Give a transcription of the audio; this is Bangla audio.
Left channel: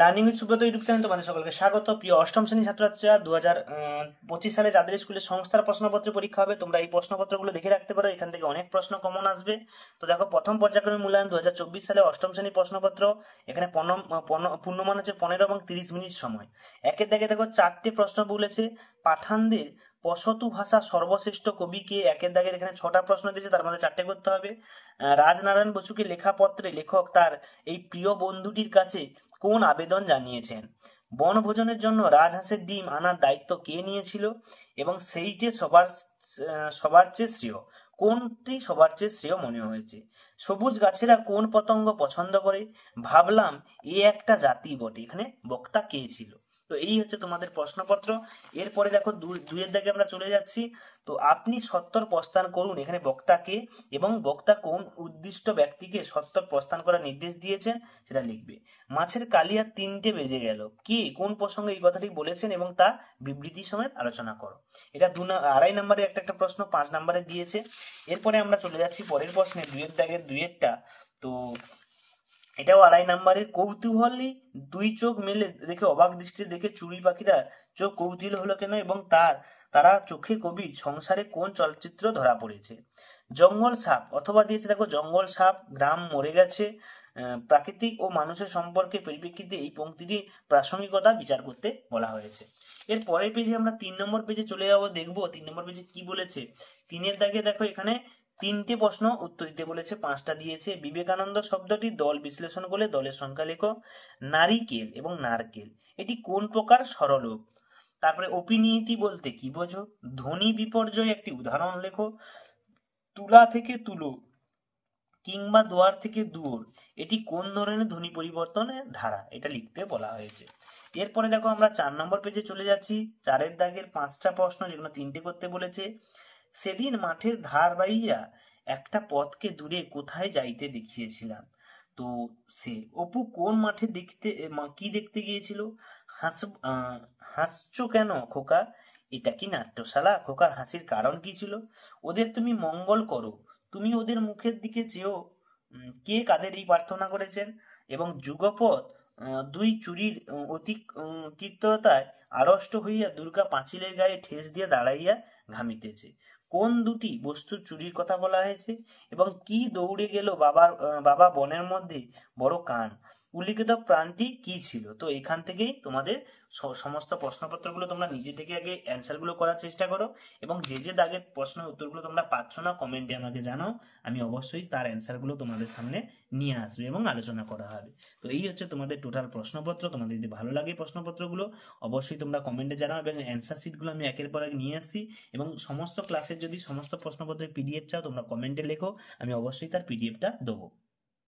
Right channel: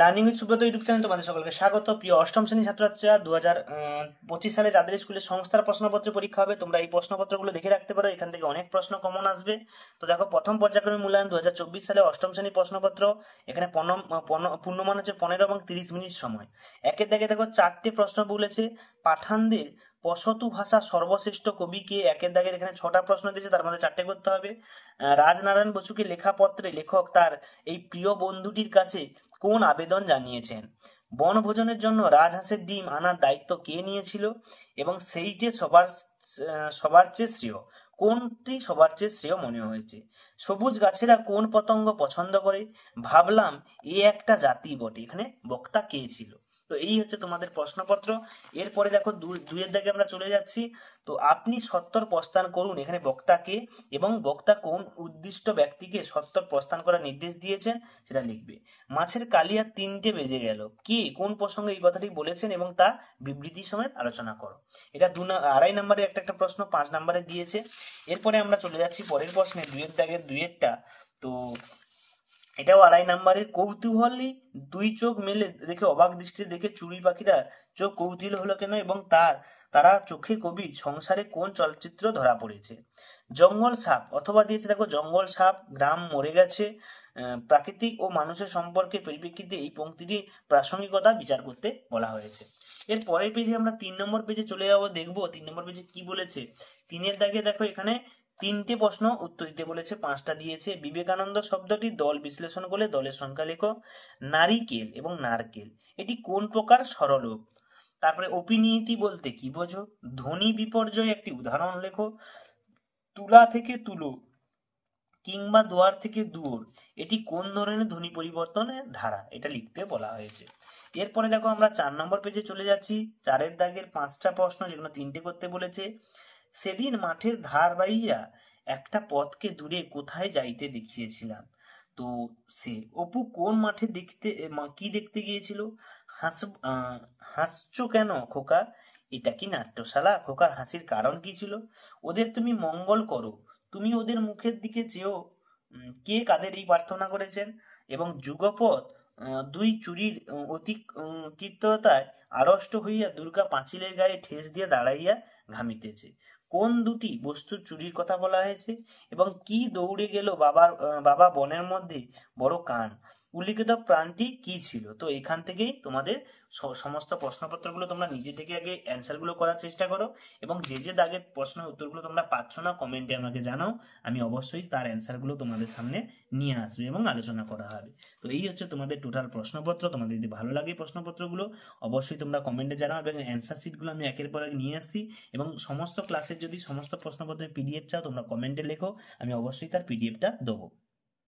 Learning with Subrata YouTube channel তোমাদের সকলকে স্বাগত। প্রিয় অষ্টম শ্রেণী ছাত্রছাত্রীরা, 2025 সালে যাদের স্কুলে সংস্থার প্রশ্নপত্র পরীক্ষা হবে, তোমরা এই প্রশ্নপত্রগুলো দেখে রাখতে পারো। এখান থেকে অনেক প্রশ্ন কমন আসবে। তো দেখো, প্রথম পর্যায়ক্রমিক মূল্যায়ন 2024 সালে অষ্টম শ্রেণী প্রশ্নপত্র। এখানে পূর্ণমান হচ্ছে 15 এবং 30 মিনিট সময়। একের দাগে দেখো 4টে প্রশ্ন বলেছে। পাঠানদের পশতু ভাষা সর্বশ্রেষ্ঠ কবি কে? একের দাগের এখানে 6টা প্রশ্ন দিয়েছে, তার মধ্যে 4টে করতে হবে। রাজনারায়ণ বসুকে লেখা পত্রে লেখক তার এই প্রিয় বন্ধুটির কাছে কোন আবেদন জানিয়েছেন? বনভোজনের জন্য রাজহাঁসের ডিম আনার দায়িত্ব কে নিয়েছিল? এবং সেইটে সবার চেয়ে শ্রেয়। কোনটি সবার চেয়ে শ্রেয় মনে হয়েছে? সবুজ গাছেরা কোন পতঙ্গ পছন্দ করে? ভাবলাম এ একটা জাতি বটে। এখানে বক্তা কে ছিল? তো এই হচ্ছে তোমাদের প্রশ্নপত্র। এরপরে দেখো দুইয়ের দাগে আমরা চলে যাচ্ছি। তো আপনি সত্তর প্রস্থান করুন, এখানে বক্তা কে এবং বক্তা কোন উদ্দিষ্ট ব্যক্তিকে সত্তর প্রস্থান করার নির্দেশ দিয়েছেন সেটা লিখবে। মাছের কালিয়া 3টে বেজে গেল, কে কোন প্রসঙ্গে এই কথাটি বলেছেন এবং তা বিবৃতি সমেত আলোচনা করো। এটা 2.5 নম্বরের একটা প্রশ্ন 5 নম্বরে দিয়েছে। এরপরে আমরা চলে যাচ্ছি পরের প্রশ্নে, দুইয়ের দাগের দুইয়েরটা। তো এটাও 2.5 নম্বরের। কৌতূহলী দুই চোখ মেলে দেখে অবাক দৃষ্টি দেখে চড়ুই পাখিরা চোখ কৌতূহল হলো কেন এবং তারা চোখে কবি সংসারে কোন চলচ্চিত্র ধরা পড়েছে? জঙ্গল সাপ অথবা দিয়েছে দেখো জঙ্গল সাপ, গ্রাম মরে গেছে, প্রাকৃতিক ও মানুষের সম্পর্কে পরিপ্রেক্ষিতে এই পংক্তিটি প্রাসঙ্গিকতা বিচার করতে বলা হয়েছে। এর পরের পেজে আমরা 3 নম্বর পেজে চলে যাবো, দেখবো 3 নম্বর পেজে কি বলেছে। 3-এর দাগে দেখো এখানে 3টে প্রশ্ন উত্তর দিতে বলেছে, 5টা দিয়েছে। বিবেকানন্দ শব্দটি দল বিশ্লেষণ বলে দলের সংখ্যা লেখো। নারিকেল এবং নারকেল এটি কোন প্রকার স্বরলোপ? তারপরে অপিনিয়তি বলতে কি বোঝো? ধ্বনি বিপর্যয় একটি উদাহরণ লেখো। তুলা থেকে তুলো কিংবা দুয়ার থেকে দুয়োর এটি কোন ধরনের ধ্বনি পরিবর্তনের ধারা? এটা লিখতে বলা হয়েছে। এরপরে দেখো আমরা 4 নম্বর পেজে চলে যাচ্ছি। 4-এর দাগের 5টা প্রশ্ন, যেগুলো 3টে করতে বলেছে। সেদিন মাঠের ধার বাইয়া একটা পথকে দূরে কোথায় যাইতে দেখিয়েছিলাম। তো সে অপু কোন মাঠে কি দেখতে গিয়েছিল? হাসছো কেন খোকা? এটা কি নাট্যশালা? খোকার হাসির কারণ কি ছিল? ওদের তুমি মঙ্গল করো, তুমি ওদের মুখের দিকে চেয়েও। কে কাদের এই প্রার্থনা করেছেন? এবং যুগপৎ দুই চুরির অতি কৃত্যতায় আড়ষ্ট হইয়া দুর্গা পাঁচিলের গায়ে ঠেস দিয়ে দাঁড়াইয়া ঘামিতেছে। কোন দুটি বস্তুর চুরির কথা বলা হয়েছে? এবং কি দৌড়ে গেল বাবা বনের মধ্যে বড় কান? উল্লিখিত প্রাণটি কি ছিল? তো এখান থেকেই তোমাদের সমস্ত প্রশ্নপত্রগুলো তোমরা নিজে থেকে আগে অ্যান্সার গুলো করার চেষ্টা করো, এবং যে দাগের প্রশ্নের উত্তরগুলো তোমরা পাচ্ছ না কমেন্টে আমাকে জানাও। আমি অবশ্যই তার অ্যান্সার গুলো তোমাদের সামনে নিয়ে আসবে এবং আলোচনা করা হবে। তো এই হচ্ছে তোমাদের টোটাল প্রশ্নপত্র। তোমাদের যদি ভালো লাগে প্রশ্নপত্রগুলো অবশ্যই তোমরা কমেন্টে জানাও, এবং অ্যান্সার শিটগুলো আমি একের পর এক নিয়ে আসছি। এবং সমস্ত ক্লাসের যদি সমস্ত প্রশ্নপত্রের পিডিএফ চাও তোমরা কমেন্টে লেখো, আমি অবশ্যই তার পিডিএফটা দেবো।